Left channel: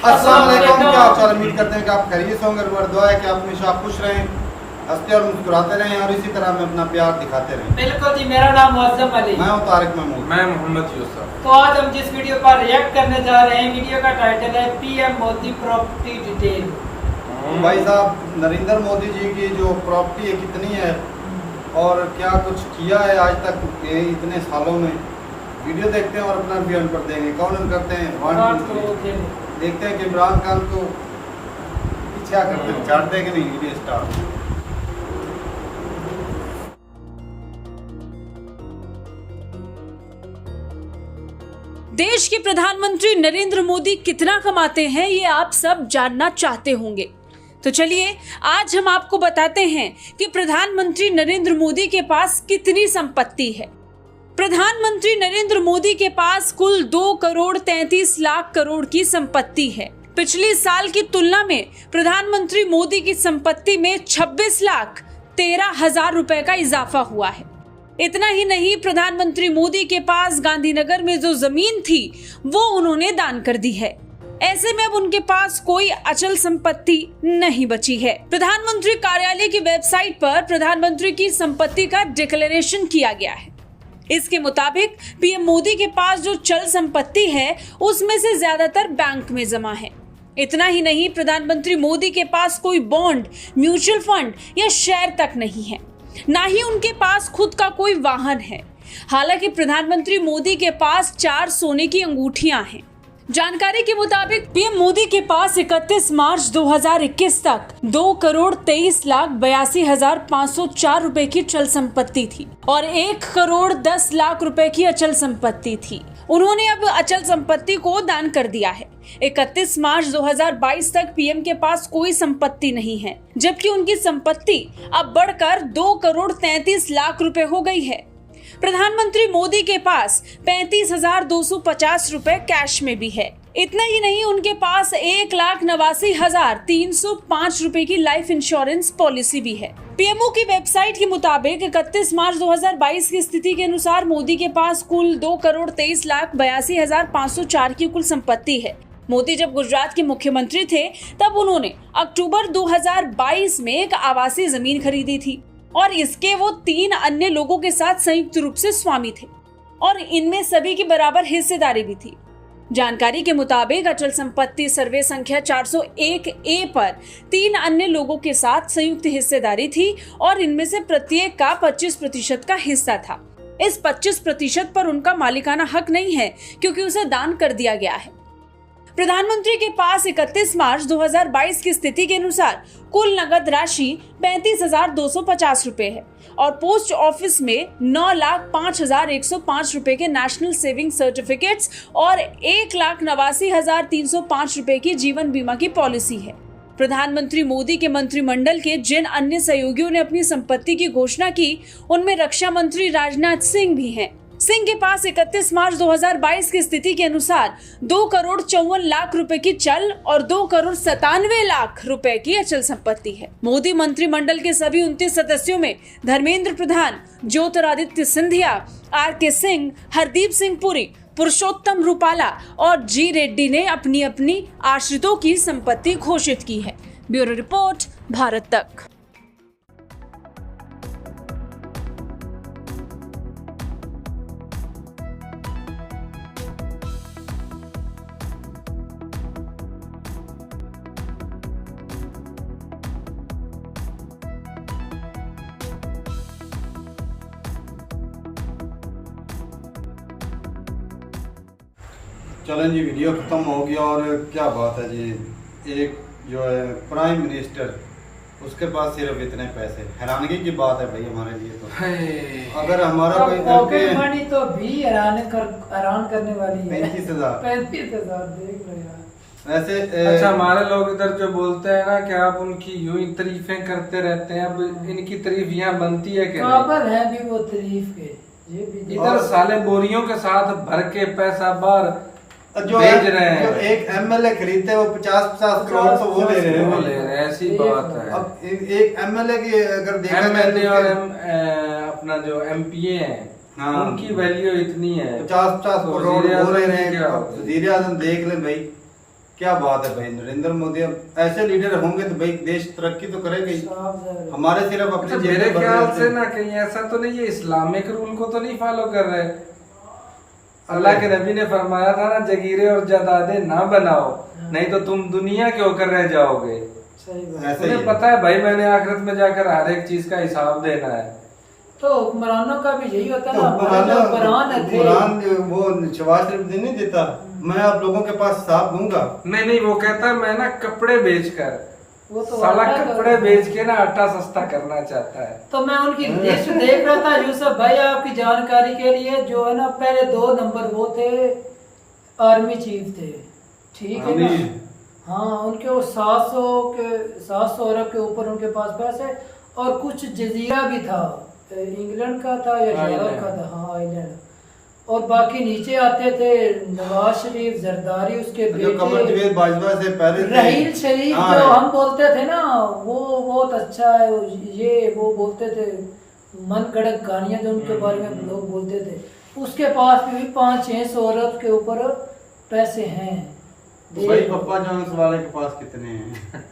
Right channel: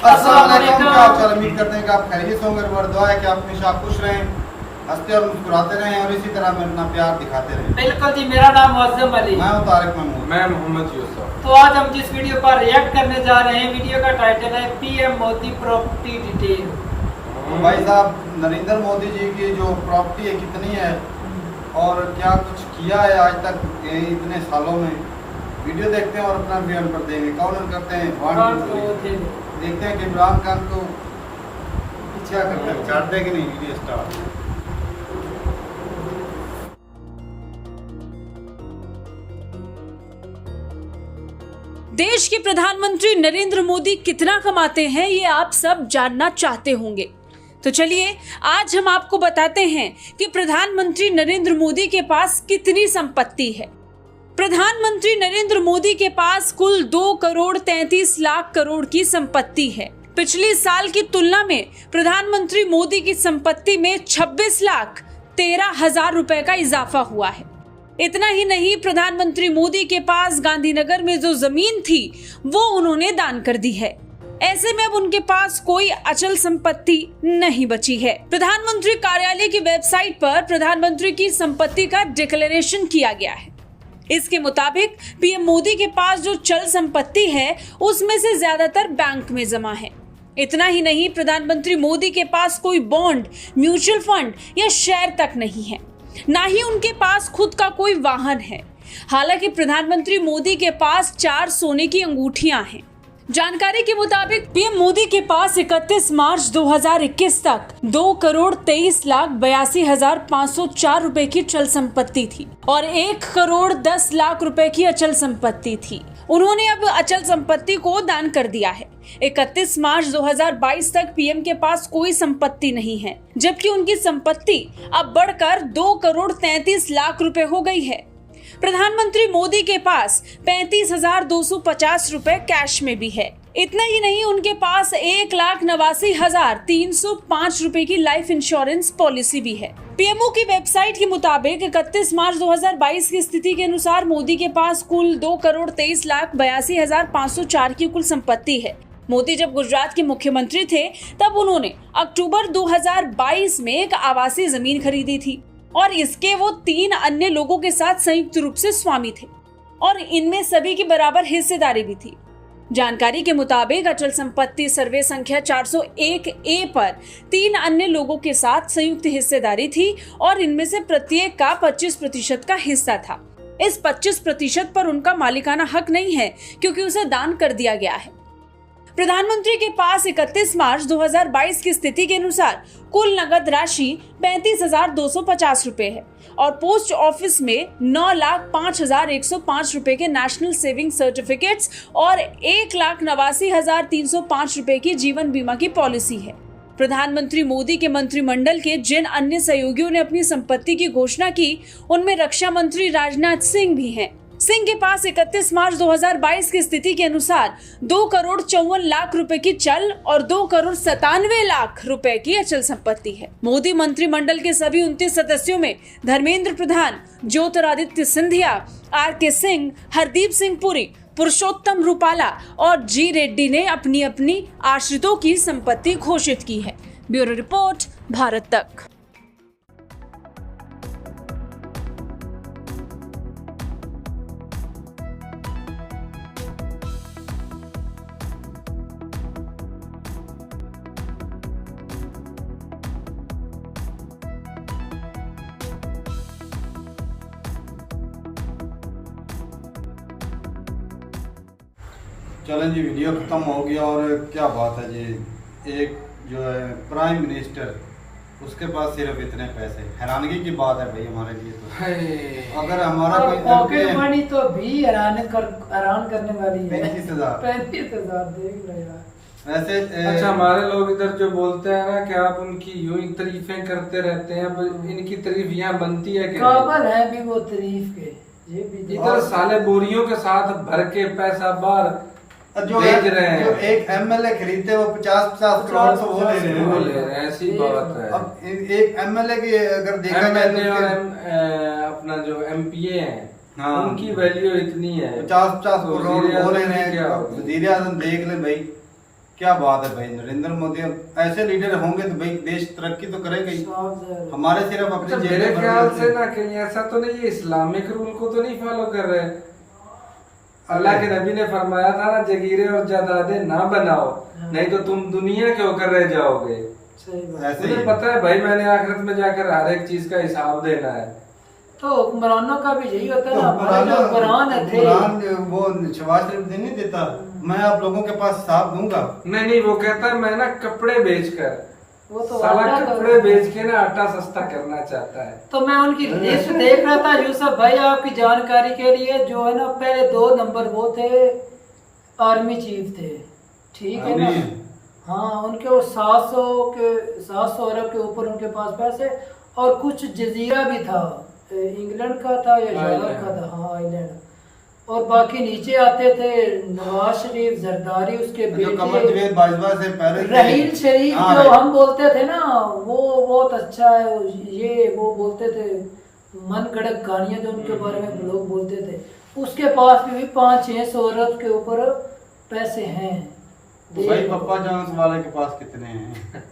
अस्सलाम वालेकुम, क्या आप चल उम्मीद करते हैं कि आप खैरियत से होंगे। दुआ है कि आप हमेशा खुश रहें, हंसते और मुस्कुराते रहें और इसी तरह में अपना प्यार दिखाते रहें। बिल्कुल जी, मेरा नाम मुअज्जम अली, मैं हूं तारिक महमूद, मैं मोहम्मद यूसुफ। तो आज हम जिस वीडियो पर रिएक्ट करने जा रहे हैं, वीडियो का टाइटल है पीएम मोदी प्रॉपर्टी डिटेल। तो भाई साहब नरेंद्र मोदी जी की जो प्रॉपर्टी है कितनी है और क्या कुछ किया है आज तक ये इतने सालों में, वीडियो देखते हैं और अपना बयान कर देंगे। कौन करते हैं देखते हैं कि इमरान खान को क्या करते हैं, चाटते हैं कि नहीं। Video start. देश के प्रधानमंत्री नरेंद्र मोदी कितना कमाते हैं ये आप सब जानना चाहते होंगे, तो चलिए आज हम आपको बताते हैं कि प्रधानमंत्री नरेंद्र मोदी के पास कितनी संपत्ति है। प्रधानमंत्री नरेंद्र मोदी के पास कुल 2 करोड़ 33 लाख करोड़ की संपत्ति है। पिछले साल की तुलना में प्रधानमंत्री मोदी की संपत्ति में 26 लाख 13 हजार रुपए का इजाफा हुआ है। इतना ही नहीं, प्रधानमंत्री मोदी के पास गांधीनगर में जो जमीन थी वो उन्होंने दान कर दी है। ऐसे में अब उनके पास कोई अचल संपत्ति नहीं बची है। प्रधानमंत्री कार्यालय की वेबसाइट पर प्रधानमंत्री की संपत्ति का डिक्लेरेशन किया गया है। इसके मुताबिक पीएम मोदी के पास जो चल संपत्ति है उसमें से ज्यादातर बैंक में जमा है। इतना ही नहीं, प्रधानमंत्री मोदी के पास कोई बॉन्ड, म्यूचुअल फंड या शेयर तक नहीं है, ना ही उनके पास खुद का कोई वाहन है। हालांकि प्रधानमंत्री मोदी के पास 4 सोने की अंगूठियां हैं। जानकारी के मुताबिक पीएम मोदी के पास 31 मार्च 2021 तक 2 करोड़ 23 लाख 82 हजार 504 रुपए की चल संपत्ति थी और 1 करोड़ 10 लाख रुपए की अचल संपत्ति थी। उन्होंने अब अचल संपत्ति को दान कर दिया है। 31 मार्च 2022 तक पीएम के पास कोई संपत्ति नहीं है, जबकि उनकी संपत्ति अब बढ़कर 2 करोड़ 33 लाख रुपए हो गई है। प्रधानमंत्री मोदी के पास 35,250 रुपए कैश में भी है। इतना ही नहीं, उनके पास 1,89,305 रुपए की लाइफ इंश्योरेंस पॉलिसी भी है। पीएमओ की वेबसाइट के मुताबिक 31 मार्च 2022 की स्थिति के अनुसार मोदी के पास कुल 2 करोड़ 23 लाख 82 हजार 504 की कुल संपत्ति है। मोदी जब गुजरात के मुख्यमंत्री थे तब उन्होंने अक्टूबर 2022 में एक आवासीय जमीन खरीदी थी और इसके वो 3 अन्य लोगों के साथ संयुक्त रूप से स्वामी थे और इनमें सभी की बराबर हिस्सेदारी भी थी। जानकारी के मुताबिक अचल संपत्ति सर्वे संख्या 401A पर 3 अन्य लोगों के साथ संयुक्त हिस्सेदारी थी और इनमें से प्रत्येक का 25% का हिस्सा था। इस 25% पर उनका मालिकाना हक नहीं है क्योंकि उसे दान कर दिया गया है। प्रधानमंत्री के पास 31 मार्च 2022 की स्थिति के अनुसार कुल नगद राशि 35,250 रुपए है और पोस्ट ऑफिस में 9,05,105 रुपए के नेशनल सेविंग सर्टिफिकेट्स और 1,89,305 रुपए की जीवन बीमा की पॉलिसी है। प्रधानमंत्री मोदी के मंत्रिमंडल के जिन अन्य सहयोगियों ने अपनी संपत्ति की घोषणा की उनमें रक्षा मंत्री राजनाथ सिंह भी हैं। सिंह के पास 31 मार्च 2022 की स्थिति के अनुसार 2 करोड़ 54 लाख रुपए की चल और 2 करोड़ 97 लाख रुपए की अचल संपत्ति है। मोदी मंत्रिमंडल के सभी 29 सदस्यों में धर्मेंद्र प्रधान, ज्योतिरादित्य सिंधिया, आर.के. सिंह, हरदीप सिंह पुरी, पुरुषोत्तम रूपाला और जी रेड्डी ने अपनी अपनी आश्रितों की संपत्ति घोषित की है। ब्यूरो रिपोर्ट, भारत तक। चलें जी, वीडियो ख़त्म हो गया और क्या बात है जी, एक जो है प्राइम मिनिस्टर उसके पास सिर्फ इतने पैसे, हैरानगी की बात है भाई हमारे लिए। तो अगर हमारा कोई पॉकेट मनी तो भी हैरान करने वाली है। 35,000 देख लो यार। वैसे अच्छा, हमारे लोग इधर जो बोलते हैं ना कि आप उनकी यूं ही तारीफें करते रहते हैं, अब इनकी तारीफ यहाँ बनती है कि काबिल है भी वो तारीफ के। ये भी इधर साले बोरियों के साथ भर के पैसा बाहर जो भेज रहे हैं। जो एक एमएलए खरीदते वो 50-50 करोड़ तो वो ले रहे हैं। ऐसी बात है। अब एक एमएलए की अगर देखा जाए तो अपना जो एमपीए है हाँ, उनकी वैल्यू इतनी है, 50-50 करोड़ वो ले रहे हैं। वजीर आजम देख ले भाई क्या बात है भाई, नरेंद्र मोदी ऐसे लीडर होंगे तो भाई देश तरक्की तो करेगा ही। हमारे सिर्फ अपनी अच्छा, मेरे जेबें ख्याल भरने से ना कहीं ऐसा तो नहीं, ये इस्लामिक रूल को तो नहीं फॉलो कर रहे। अल्लाह के नबी ने फरमाया था ना, जगीरे और जायदादें ना बनाओ, नहीं तो तुम दुनिया के होकर रह जाओगे। ऐसे ही मुझे पता है भाई, मैंने आखिरत में जाकर हर एक चीज का हिसाब देना है। तो हुक्मरानों का भी यही होता है तो ना, हमारे जो हुक्मरान थे, कुरान वो शहबाज शरीफ नहीं देता, मैं आप लोगों के पास हिसाब दूंगा। नहीं नहीं, वो कहता है मैं ना कपड़े बेचकर, वो तो साला आटा का- कपड़े बेच के ना आटा सस्ता करना चाहता है। तो मैं उनकी लिस्ट देख रहा था यूसुफ भाई, आपकी जानकारी के लिए, जो है ना पहले 2 नंबर वो थे, आर्मी चीफ थे, ठीक है ना। अमीर। हाँ, उनके वो 700 अरब के ऊपर उनके पास पैसे, और कुछ जजीरा भी था, इंग्लैंड का था या जॉर्डन का था, हाँ आइलैंड। और बाकी नीचे आते थे नवाज शरीफ, जरदारी, उसके जो कमर बेटे जवेद बाजवा से पहले थे। रहील शरीफ, हाँ, जो है। हम बोलते थे ना, वो बहुत अच्छा है, ये वो बोलते थे मन गढ़ंत कहानियां जो उनके बारे में लोग बोलते थे, उसके पास भी 500-600 अरब के ऊपर पैसे हैं। तो भाई पप्पा जॉन्स वाले के पास कितने हैं?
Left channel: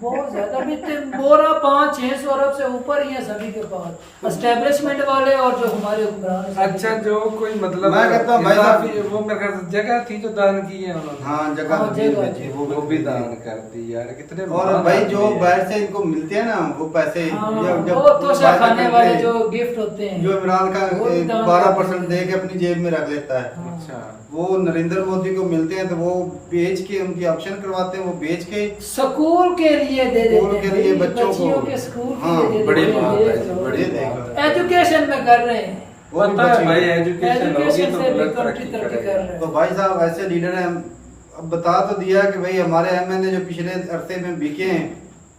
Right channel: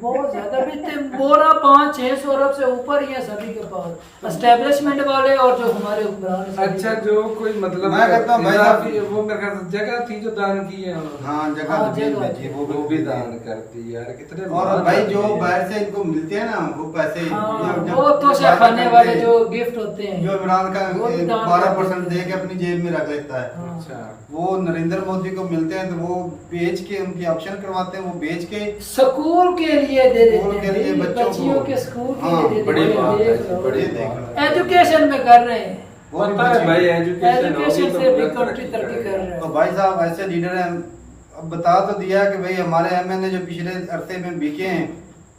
बहुत ज्यादा भी थे, बोरा 500-600 अरब से ऊपर ही है सभी के पास, एस्टेब्लिशमेंट वाले और जो हमारे हुक्मरान हैं। अच्छा, जो कोई मतलब मैं कहता हूँ भाई साहब, इजाफी- वो मेरे ख्याल से जगह थी जो दान की है उन्होंने। हाँ, जगह हाँ, जमीन जगह। बेची, वो भी दान कर दी यार, कितने और महान भाई जो आदमी हैं। बाहर से इनको मिलते हैं ना वो पैसे, हाँ, जब वो तोशा वायदा खाने करते वाले हैं, जो गिफ्ट होते हैं, जो इमरान खान वो भी दान 12% करते दे के अपनी जेब में रख लेता है। हाँ। अच्छा, वो नरेंद्र मोदी को मिलते हैं तो वो बेच के, उनकी ऑप्शन करवाते हैं, वो बेच के स्कूल के लिए दे देते स्कूल के लिए बच्चों को। के स्कूल के हाँ, लिए दे बड़ी देते हैं, बात है, देख लो। बड़ी देख लो। बात है। एजुकेशन में कर रहे हैं, वो भी पता है बचेंगे। भाई, एजुकेशन होगी एजुकेशन तो से भी मुल्क कंट्री तरक्की कर रहा है। तो भाई साहब ऐसे लीडर हैं। अब बता तो दिया कि भाई हमारे एमएनए जो पिछले अरसे में बिके हैं,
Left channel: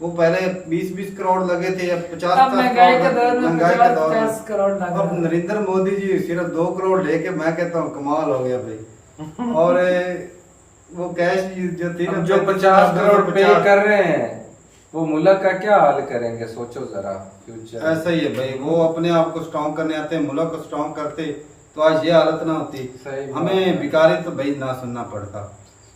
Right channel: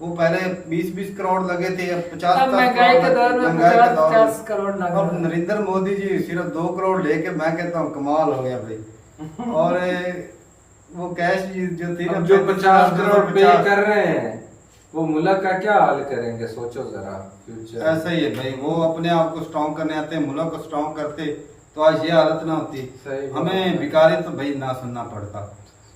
वो पहले 20-20 करोड़ लगे थे, अब 50 अब महंगाई के दौर में महंगाई के दौर 50 करोड़ लग रहा अब है। नरेंद्र मोदी जी सिर्फ 2 करोड़ लेके, मैं कहता हूँ कमाल हो गया भाई। और वो कैश जो थी ना, अब जो 50 करोड़ पे 50 कर रहे हैं, वो मुल्क का क्या हाल करेंगे, सोचो जरा फ्यूचर। ऐसा ही है भाई, वो अपने आप को स्ट्रॉन्ग करने आते, मुल्क को स्ट्रॉन्ग करते तो आज ये हालत ना होती, सही बात हमें है। भिखारी तो भाई ना सुनना पड़ता।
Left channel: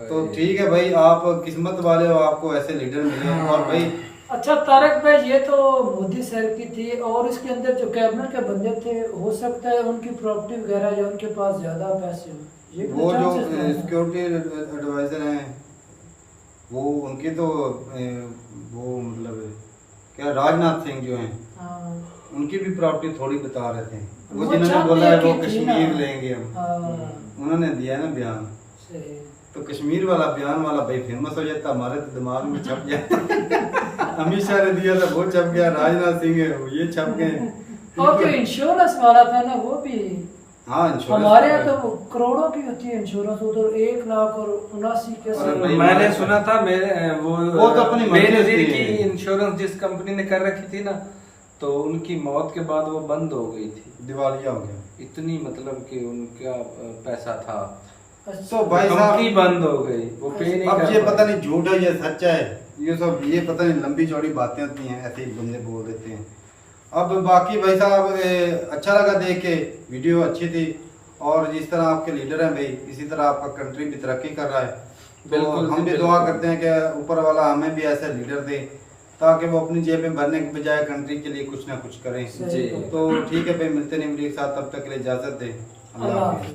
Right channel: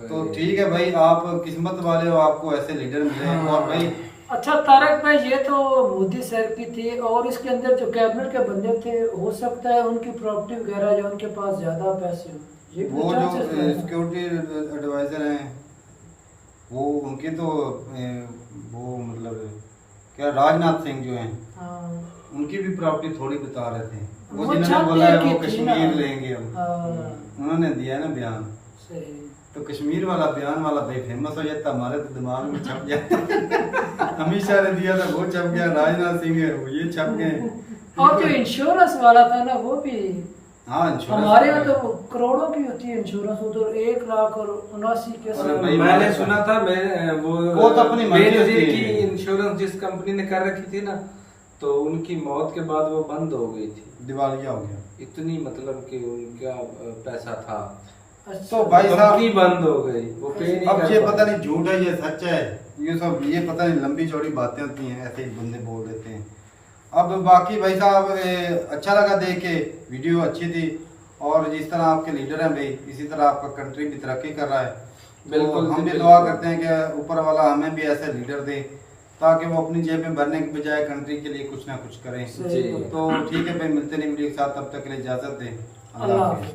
तो सही। ठीक है भाई, आप किस्मत वाले हो, आपको ऐसे लीडर मिले। और भाई अच्छा तारक भाई, ये तो मोदी सर की थी, और इसके अंदर जो कैबिनेट के बंदे थे, हो सकता है उनकी प्रॉपर्टी वगैरह जो उनके पास ज्यादा पैसे हो, ये भी वो जो chances हैं। सिक्योरिटी एडवाइजर हैं, वो उनकी तो वो मतलब क्या राजनाथ सिंह जो हैं, हाँ। उनकी भी प्रॉपर्टी थोड़ी बता रहे थे। वो वो जिन्होंने चाहते बोला है हैं वो कि थी कश्मीर ना। लेंगे हम, हाँ, उन्होंने दिया है ना बयान, सही। तो कश्मीर वाला बयान वाला भाई फेमस हो जाता, हमारे तो दिमाग में छप जाता। अमित शाह ने दिया था वो छप गया, राजनाथ सिंह है वो ये छप गए। और जो इंश्योरेंस वाला था ना, वो भी हाँ, इंश्योरेंस हमारे यहाँ तो करोड़ों की होती है इंश्योरेंस, उधर 1,79,000 के अरे भाई, मैंने सुना था मेरे वो तो अपनी मर्जी बेनजीर होती की है। इंश्योरेंस जिस कंपनी ने कर रखी थी ना, तो उनकी मौत के बाद वो बंद हो गई थी। दिवालिया हो गया। इतनी मतलब कि उनका पैसा था, अच्छा। तो भाई साहब कंपनी बंद हो गई, वो पे नहीं अब कर ये पाए। पता नहीं झूठ है या सच है, ये सब ये पता नहीं लंबी चौड़ी बातें होती हैं, ऐसे ही बंदे बोल देते हैं। अब बाकी भाई साहब अच्छा लगा देख के, वीडियो अच्छी थी, और जिस तरह आपके लीडर हैं भाई, इसी तरह आपका कंट्री भी तरक्की कर रहा है। तो बिल्कुल हम भी बिल्कुल। दुआ करते हैं कि ऊपर वाला हमें भी ऐसे लीडर दे, ताकि वो अपनी जेबें भरने के बजाय कंट्री के लिए कुछ ना कुछ करें। सही जी। बात। तो ठीक है भाई, मिलते नहीं वीडियो के साथ, तब तक के लिए इजाजत दें। अल्लाह अल्लाह हाफिज़। हाफिज़।